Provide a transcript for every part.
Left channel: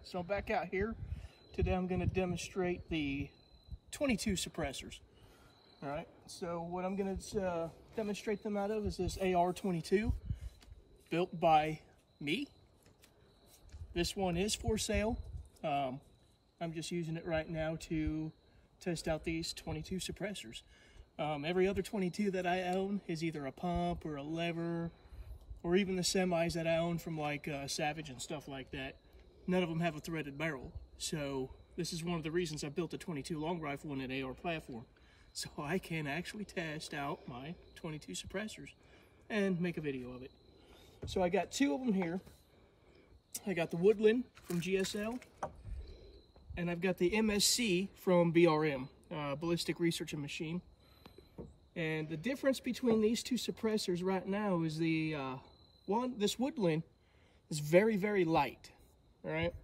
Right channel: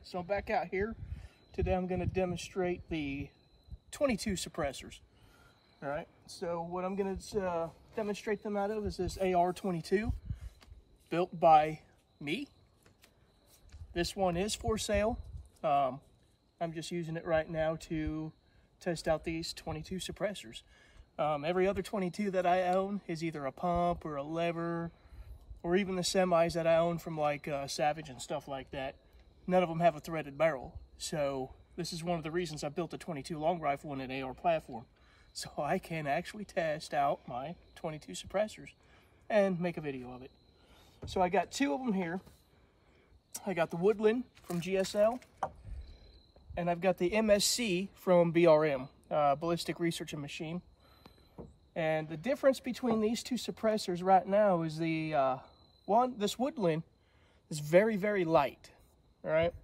So I'm back out here. Today I'm going to demonstrate the 22 suppressors. Alright, so what I'm going to demonstrate them out of is this AR-22, built by me. This one is for sale. I'm just using it right now to test out these 22 suppressors. Every other 22 that I own is either a pump or a lever, or even the semis that I own from like Savage and stuff like that. None of them have a threaded barrel. So this is one of the reasons I built a 22 long rifle on an AR platform. So I can actually test out my 22 suppressors and make a video of it. So I got two of them here. I got the Woodland from GSL, and I've got the MSC from BRM, Ballistic Research and Machine. And the difference between these two suppressors right now is this Woodland is very, very light. All right,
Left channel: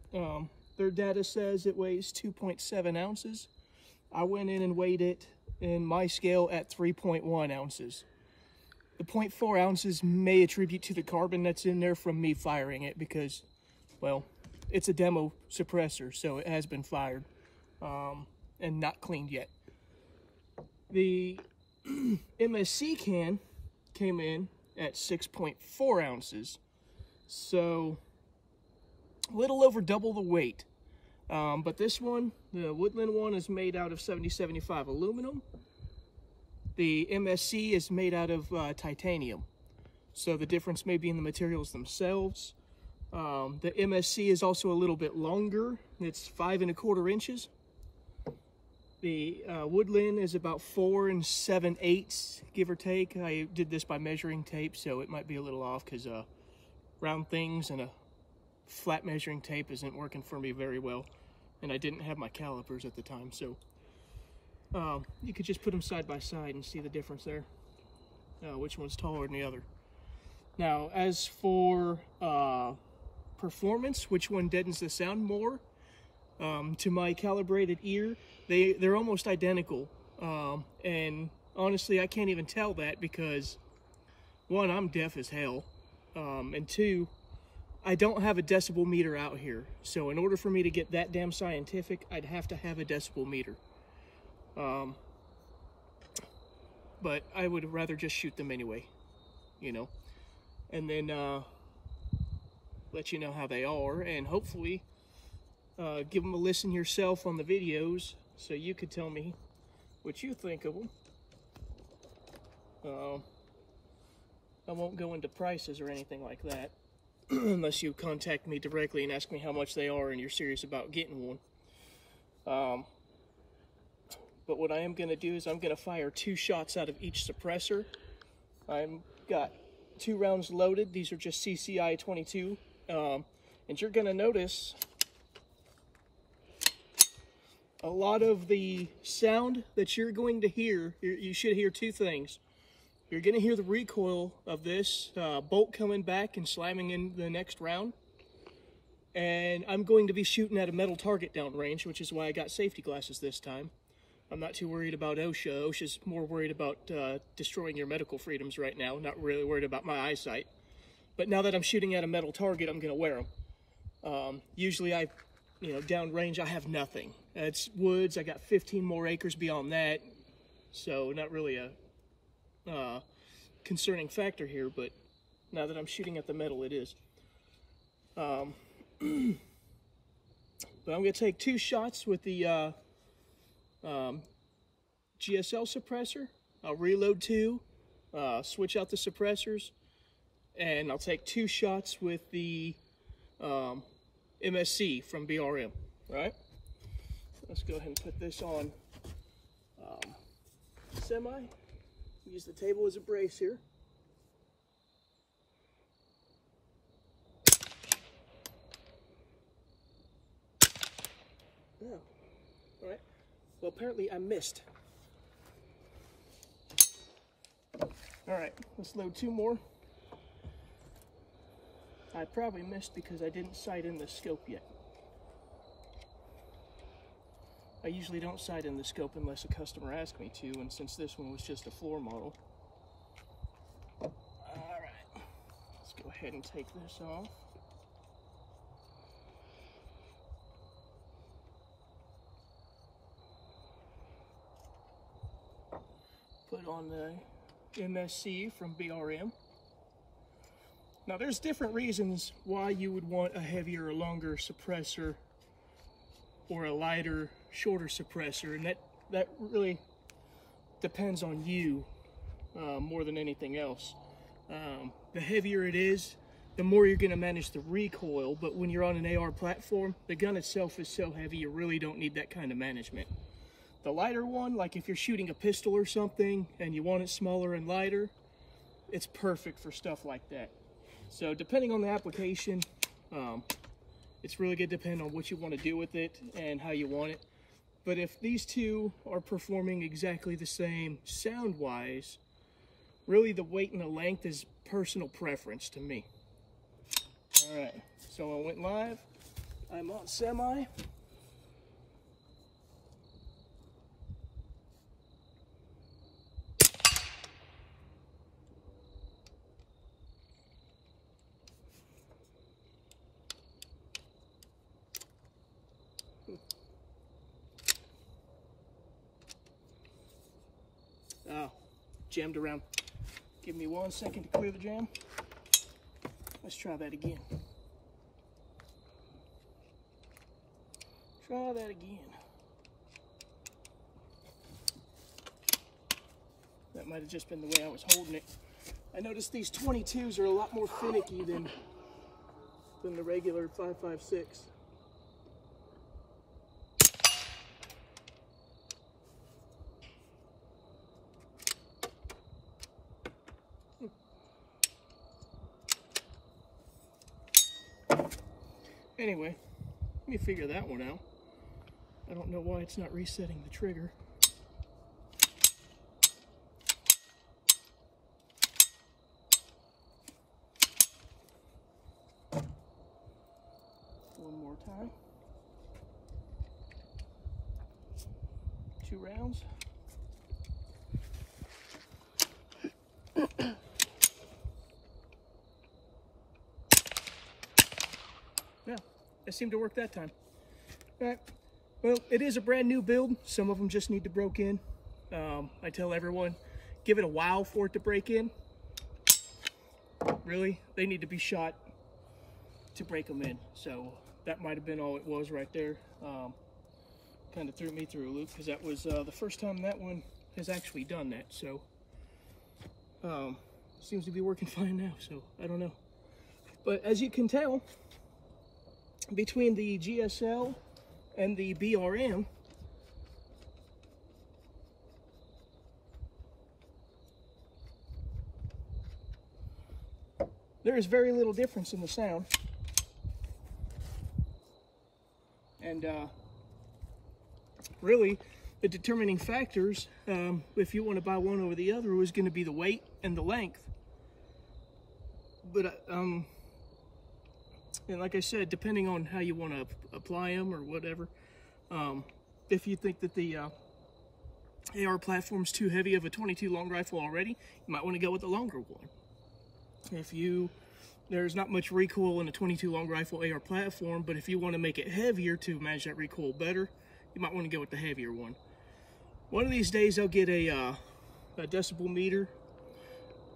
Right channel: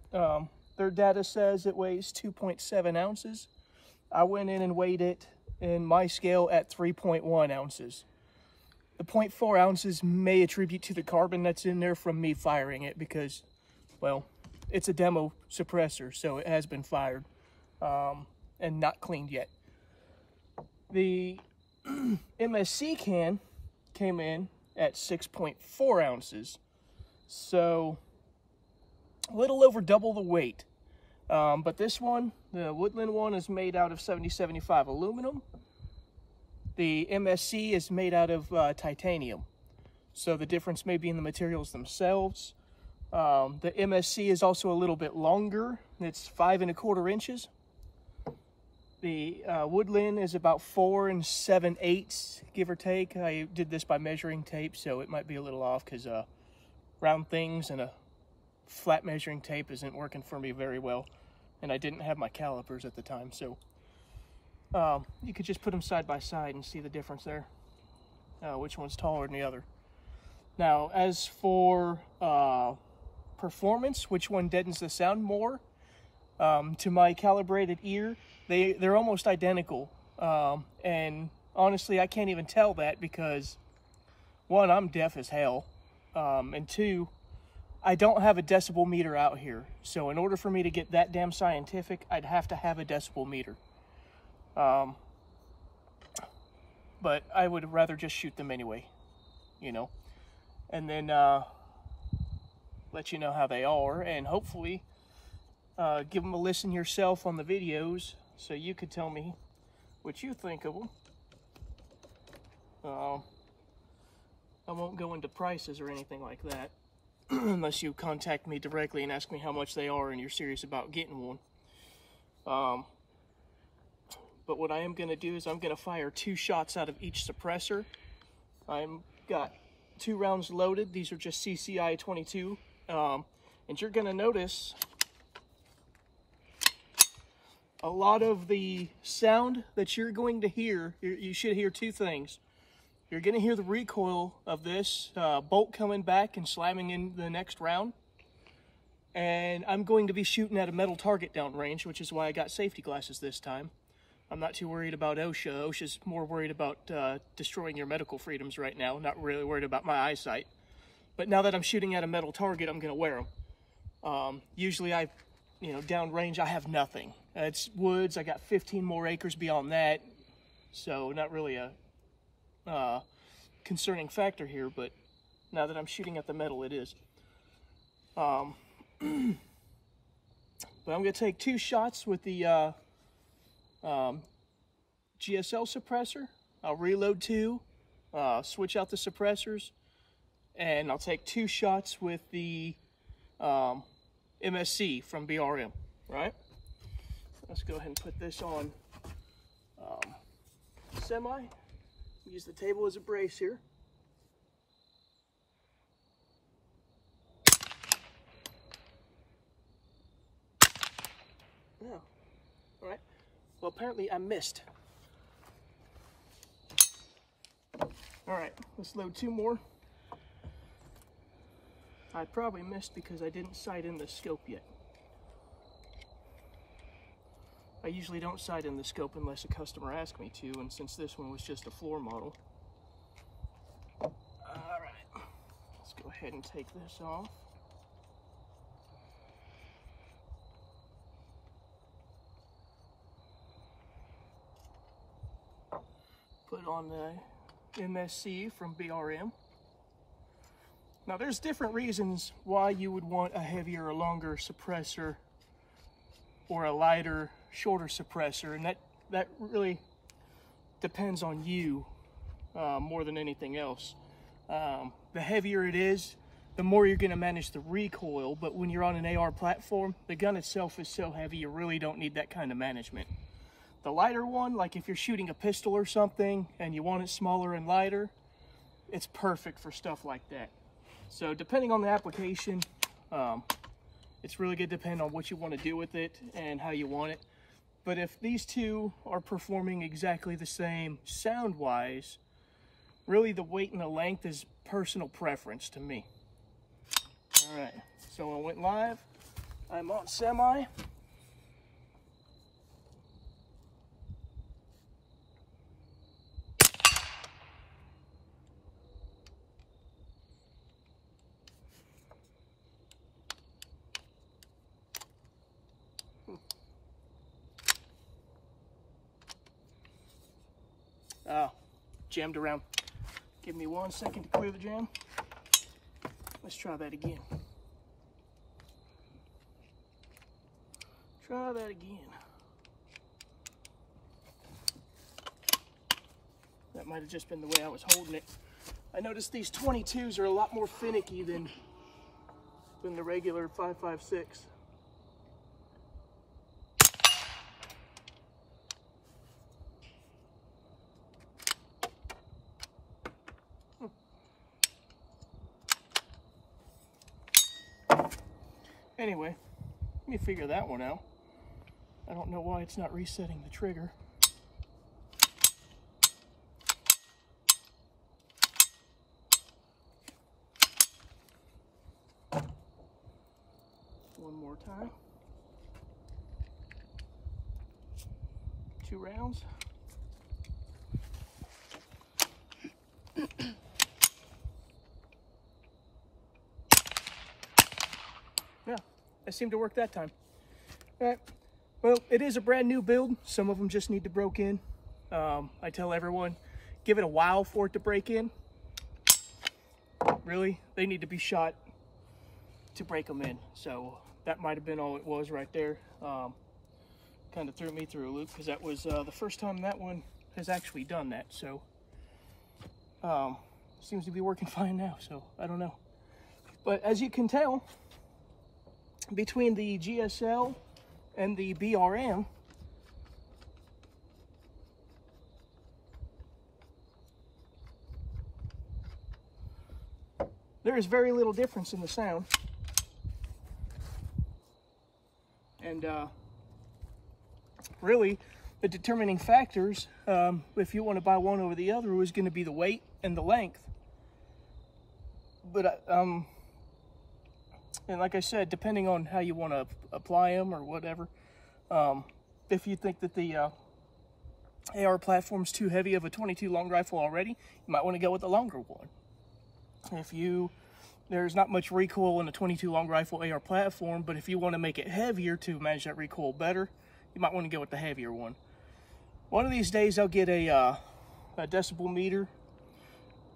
their data says it weighs 2.7 ounces. I went in and weighed it in my scale at 3.1 ounces. The 0.4 ounces may attribute to the carbon that's in there from me firing it because, well, it's a demo suppressor, so it has been fired and not cleaned yet. The MSC can came in at 6.4 ounces, so a little over double the weight. But this one, the Woodland one, is made out of 7075 aluminum. The MSC is made out of titanium. So the difference may be in the materials themselves. The MSC is also a little bit longer. It's 5 1/4 inches. The Woodland is about 4 7/8, give or take. I did this by measuring tape, so it might be a little off because round things and a flat measuring tape isn't working for me very well, and I didn't have my calipers at the time, so you could just put them side by side and see the difference there, which one's taller than the other. Now, as for performance, which one deadens the sound more, to my calibrated ear, they're almost identical, and honestly I can't even tell that because, one, I'm deaf as hell, and two, I don't have a decibel meter out here. So in order for me to get that damn scientific, I'd have to have a decibel meter. But I would rather just shoot them anyway, you know, and then let you know how they are, and hopefully give them a listen yourself on the videos so you could tell me what you think of them. I won't go into prices or anything like that unless you contact me directly and ask me how much they are and you're serious about getting one. But what I am going to do is I'm going to fire 2 shots out of each suppressor. I've got 2 rounds loaded. These are just CCI 22. And you're going to notice a lot of the sound that you're going to hear. You should hear 2 things. You're going to hear the recoil of this bolt coming back and slamming in the next round. And I'm going to be shooting at a metal target downrange, which is why I got safety glasses this time. I'm not too worried about OSHA. OSHA's more worried about destroying your medical freedoms right now, not really worried about my eyesight. But now that I'm shooting at a metal target, I'm going to wear them. Usually downrange, I have nothing. It's woods. I got 15 more acres beyond that, so not really a concerning factor here, but now that I'm shooting at the metal, it is. But I'm going to take 2 shots with the GSL suppressor. I'll reload 2, switch out the suppressors, and I'll take 2 shots with the MSC from BRM, right? Let's go ahead and put this on semi. Use the table as a brace here. Oh, all right. Well, apparently I missed. All right, let's load 2 more. I probably missed because I didn't sight in the scope yet. I usually don't sight in the scope unless a customer asks me to, and since this one was just a floor model. All right, let's go ahead and take this off. on the MSC from BRM. Now there's different reasons why you would want a heavier or longer suppressor or a lighter, shorter suppressor, and that really depends on you more than anything else. The heavier it is, the more you're going to manage the recoil, but when you're on an AR platform, the gun itself is so heavy you really don't need that kind of management. The lighter one, like if you're shooting a pistol or something and you want it smaller and lighter, it's perfect for stuff like that. So depending on the application, it's really going to depend on what you want to do with it and how you want it. But if these two are performing exactly the same sound-wise, really the weight and the length is personal preference to me. All right, so I went live. I'm on semi. Jammed around. Give me 1 second to clear the jam. Let's try that again. Try that again. That might have just been the way I was holding it. I noticed these 22s are a lot more finicky than the regular 5.56. Anyway, let me figure that one out. I don't know why it's not resetting the trigger. One more time. 2 rounds. Yeah, that seemed to work that time. All right, well, it is a brand new build. Some of them just need to break in. I tell everyone, give it a while for it to break in. Really, they need to be shot to break them in. So that might have been all it was right there. Kind of threw me through a loop because that was the first time that one has actually done that. So seems to be working fine now, so I don't know. But as you can tell, between the GSL and the BRM, there is very little difference in the sound. And really, the determining factors, if you want to buy one over the other, was going to be the weight and the length. But and like I said, depending on how you want to apply them or whatever, if you think that the AR platform's too heavy of a 22 long rifle already, you might want to go with the longer one. If there's not much recoil in a 22 long rifle AR platform, but if you want to make it heavier to manage that recoil better, you might want to go with the heavier one. One of these days I'll get a decibel meter,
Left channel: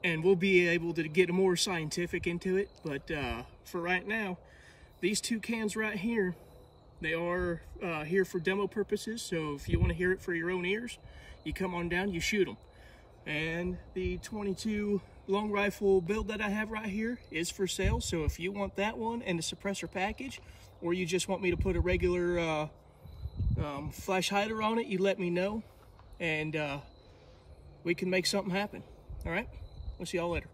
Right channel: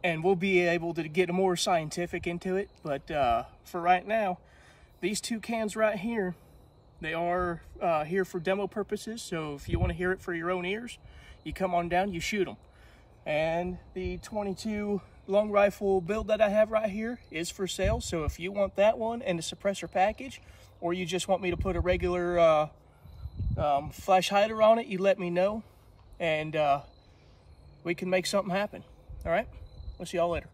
and we'll be able to get more scientific into it. But for right now, these two cans right here, they are here for demo purposes. So if you want to hear it for your own ears, you come on down, you shoot them. And the 22 long rifle build that I have right here is for sale. So if you want that one and the suppressor package, or you just want me to put a regular flash hider on it, you let me know, and we can make something happen. All right, we'll see y'all later.